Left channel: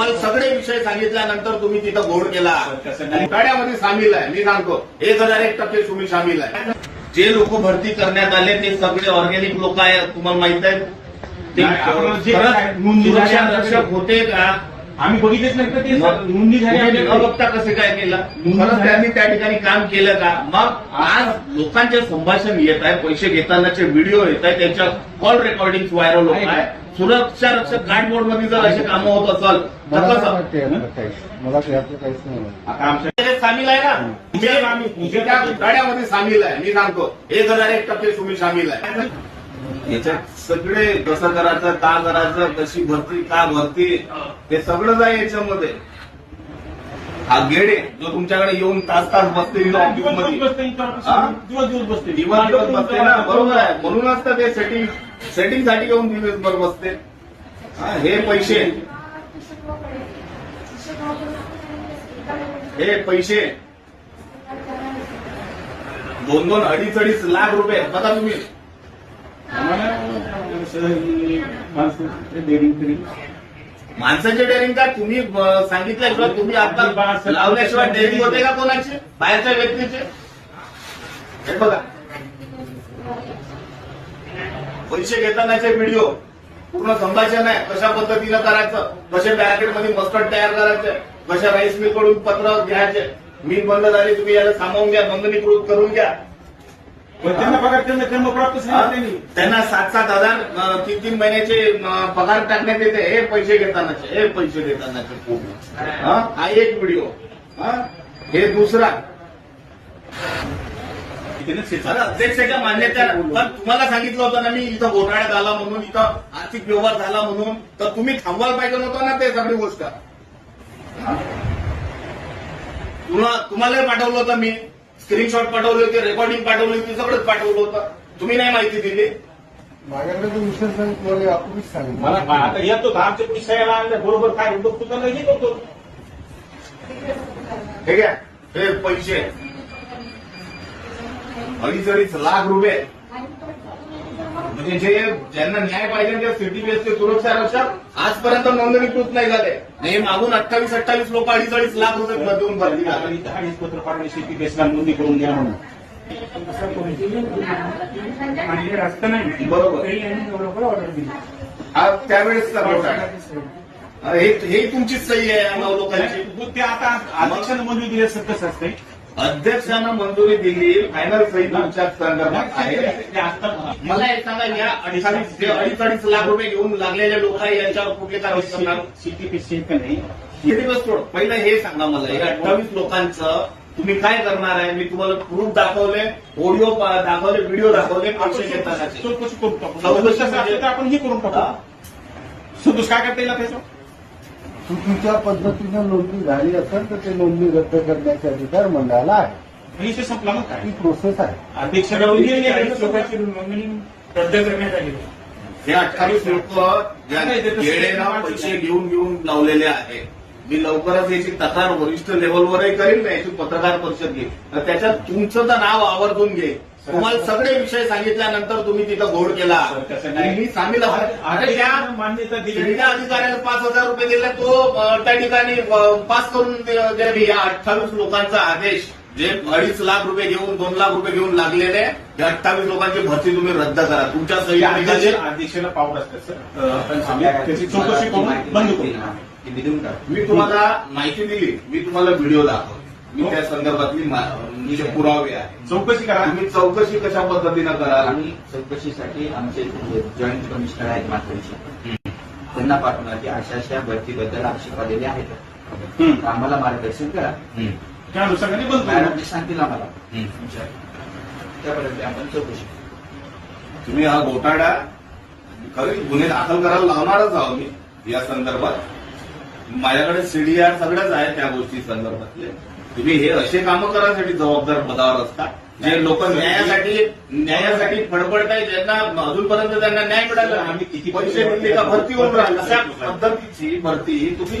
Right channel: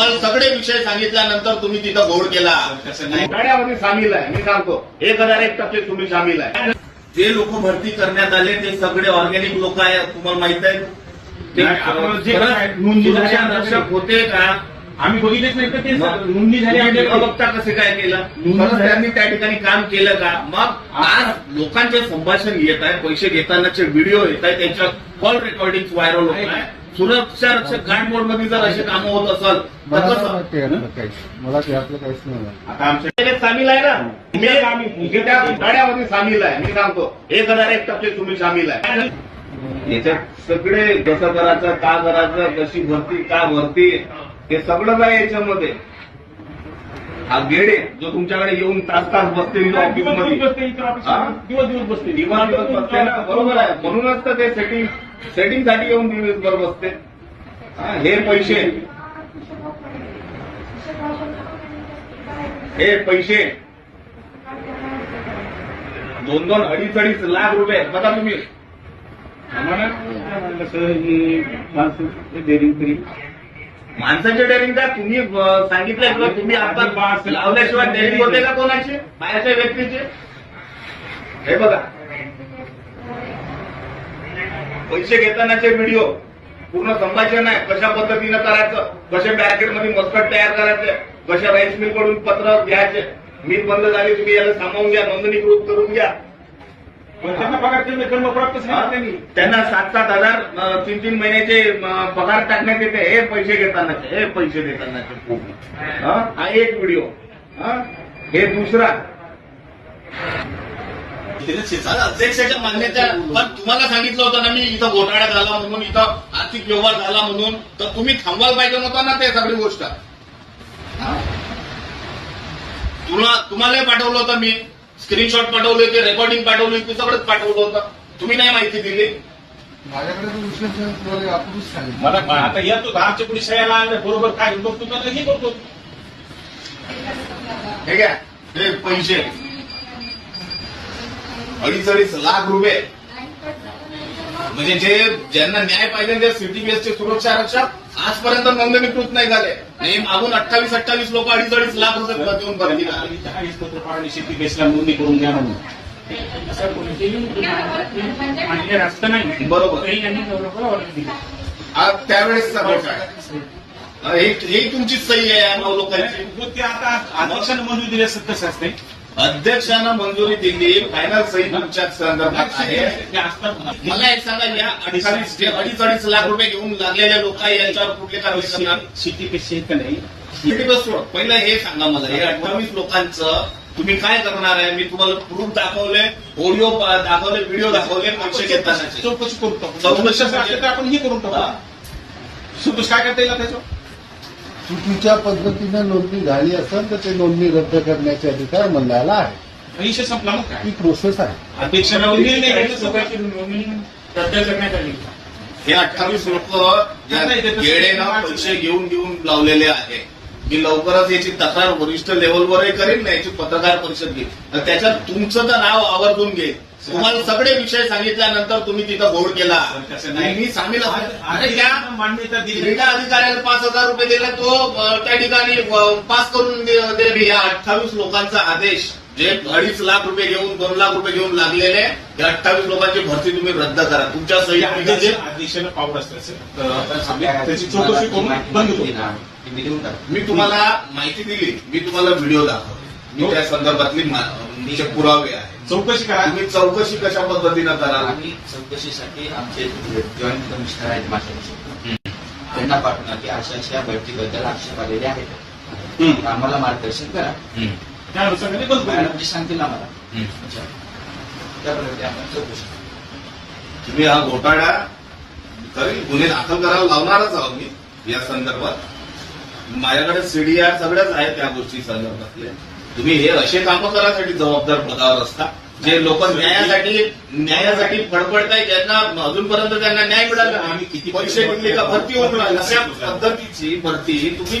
मला सगळे विषय सांगितल्यानंतर तुम्ही तिथं घोड केला. गाड्यामध्ये सामील आहे मी सांगतो. एक हजार एक टक्के तुम्ही सामील आहे. जे लोक भरती करण्यात आले ते सगळे ऑर्गॅनिक लोक आहेत तुम्हाला माहीत आहे. ते नाही, आपण जे खरंच काय नोंदणी झाली सुरक्षा आहे, रक्षक होते का? आम्ही बघितलेच नाही का ते नोंदणी झाली तुम्ही न बघता कसं काय केलं? खरंच. त्यांनी त्या ठिकाणी काम केलं का? मग आज लोकांचे संभाषण येत आहे पैसे घेतानाचे व्हिडिओ येत आहे त्यांच्या कॉल रेकॉर्डिंग व्हायरल होत आहे सुरक्षा रक्षक गार्ड मोडमध्ये जर असे कामं होत असेल तर मला कसं? काहीच मला त्यातलं काहीच नाही. आता सामील आहे ना? मी मी त्या गाड्यामध्ये सामील आहे. मी सांगतो एक हजार एक टक्के तुम्ही सामील आहे. याच्यात सगळे कसं करायचं का करायचं कशी भरती का भरती हे सगळंच आहे याच्यामध्ये. हा गेडे जो तुमच्याकडे येऊन तास तास बसते दिवस दिवस बसते. दिवस दिवस बसते दिवस दिवस बसते ना? बरोबर आहे. म्हणूनच तर ते सेटिंग सेटिंगसाठी येऊन दिवसभर बसते. हा, हे पैसे. हे पैसे. दोन दोन अडीच अडीच लाख रुपये. बघा तुम्ही. माणसाचे डेअरिंग का तुम्ही अं, सांगितल्याशिवाय तुम्ही आता लावल्याशिवाय डेअरिंग होते का कोणाचे? बाहेरच्या व्यक्तीचे? हे बघा. पैसे घेतानाचे व्हिडिओ पूर्ण संभाषण आहे. कशा पद्धतीनं करायचं? कसे बॅरिकेडमध्ये मस्कट तयार करायचे? कशा राईस मिलकडून पत्र घ्यायचे? मी बंद झाली तुम्ही याला सामावून घ्या नोंदणीकृत करून घ्या. त्यांना पगार त्यांना कर्म प्राप्त सांगितलं त्यांना सात सात हजार तीन तीन महिन्याचे पगार टाकण्यात येते. हे पैसे घेतानाचे हे पैसे देतानाचे हा? हा एक व्हिडिओ हा? हे दुसरा. सर, अध्यक्षाच्या मान्यता पण तुम्हाला सांगितलं होतं ना मी इथं घोटाळा झाला म्हणून इथं आर्थिक व्यवहार झाला म्हणून. तर तुम्ही थांबवायला पाहिजे नव्हतं ना ते सगळी गोष्ट? हा? तुला तुम्हालाही पाठवलं होतं मी. स्क्रीनशॉट पाठवले होते रेकॉर्डिंग पाठवली होती सगळंच पाठवलं होतं. तुम्ही नाही माहिती दिली? माझ्याकडे तो विषय सांगितलं यापूर्वीच सांगितलं. मला आता येतो आमच्या पोलीस साहेबांना बरोबर काय बघतो त्यांना हे करतो. हे घ्या हे पैसे. अडीच अडीच लाख रुपये. म्हणजे जे ज्यांना न्याय पाहिजे त्या सिटी बेसचे सुरक्षा रक्षक आजपर्यंत नोंदणीकृत नाही झाले. आणि मागून अठ्ठावीस अठ्ठावीस लोक अडीच अडीच लाख रुपये देऊन भरती झाले. अडीच पत्र पाठवले शेती बेसला नोंदणी करून घ्या म्हणून. रस्ता नाही. बरोबर. तरी यांनी डेव्हलपर ऑर्डर दिली. आज त्यावेळेसचा घोटाळा हे हे तुमची सही आहे या नऊ लोकांची ते आता अध्यक्षानं मंजुरी दिली असतंय अध्यक्षानं मंजुरी दिली फायनल सही तुमच्या संदर्भात आहे. मला एक सांगा या अडीच जे अडीच अडीच लाख रुपये घेऊन लागलेले लोक आहे यांच्यावर कुठली कारवाई करणार? बस सोड पहिलं हे सांगा मला हे अठ्ठावीस लोकांचं तुम्ही काय करणार आहे? मी तुम्हाला प्रूफ दाखवले ऑडिओ दाखवले व्हिडिओ दाखवले पैसे घेतानाचे. चौकशी करून टाकू आपण हे करून? टाकू चौकशी काय करता येईल त्याच्यावर चुकीच्या पद्धतीने नोंदणी झाली असेल तर ते नोंदणी रद्द करण्याचे अधिकार मंडळाला आहे विषय संपला मग काय? ही प्रोसेस आहे. अध्यक्ष. लोकांची नोंदणी रद्द करण्यात आली. हे अठ्ठावीस लोक येडेनं पैसे घेऊन घेऊन लावलेले आहे मी लवकरच याची तक्रार वरिष्ठ लेवलवरही करेन ना याची पत्रकार परिषद तर त्याच्यात तुमचं तर नाव आवर्जून घेईल तुम्हाला सगळे विषय सांगितल्यानंतर तुम्ही तिथं घोड केला. मी सांगितलं अरे त्या क्रीडा अधिकाऱ्याला पाच हजार रुपये दिले तो त्या ठिकाणी पास करून अठ्ठावीस लोकांचा आदेश जे अडीच लाख रुपये घेऊन दोन लाख रुपये घेऊन लागलेले या अठ्ठावीस लोकांची भरती तुम्ही रद्द करा. तुमच्या सही तुम्ही अध्यक्ष करा. अध्यक्षानं पावलं. त्याची चौकशी करून बंद मी तुम्हाला माहिती दिली. मी तुम्हाला व्हिडिओ दाखवला मी त्या संदर्भातली मा- जे पुरावे आहे चौकशी करा. तुम्ही चौकशी कशा पद्धतीनं कराल? आम्ही चौकशीसाठी आमचे जॉईंट कमिशनर आहेत मास्टरचे. त्यांना पाठवणार की अशा अशा भरतीबद्दल आक्षेप आलेले आहेत. आम्हाला मार्गदर्शन करा. त्या अनुषंगाने बंद करू. मॅडम जे सांगतील आम्हाला. त्याप्रमाणे आपण चौकशी करू. तुम्ही हा घोटाळा करेल गुन्हे दाखल करायला लावणारच आहोत मी. या संदर्भात माझ्याकडे सीडी आहे सगळ्याच आहे त्या गोष्टी संदर्भातले. तुम्ही हे असे कामं करायसाठी जबाबदार पदावर असता जे लोक न्यायासाठी न्यायासाठी फडफडताय ज्यांना अजूनपर्यंत त्यांना न्याय मिळाला आम्ही किती पैसे दिले का? भरती होऊन राहिली. अशा पद्धतीची भरती तुम्ही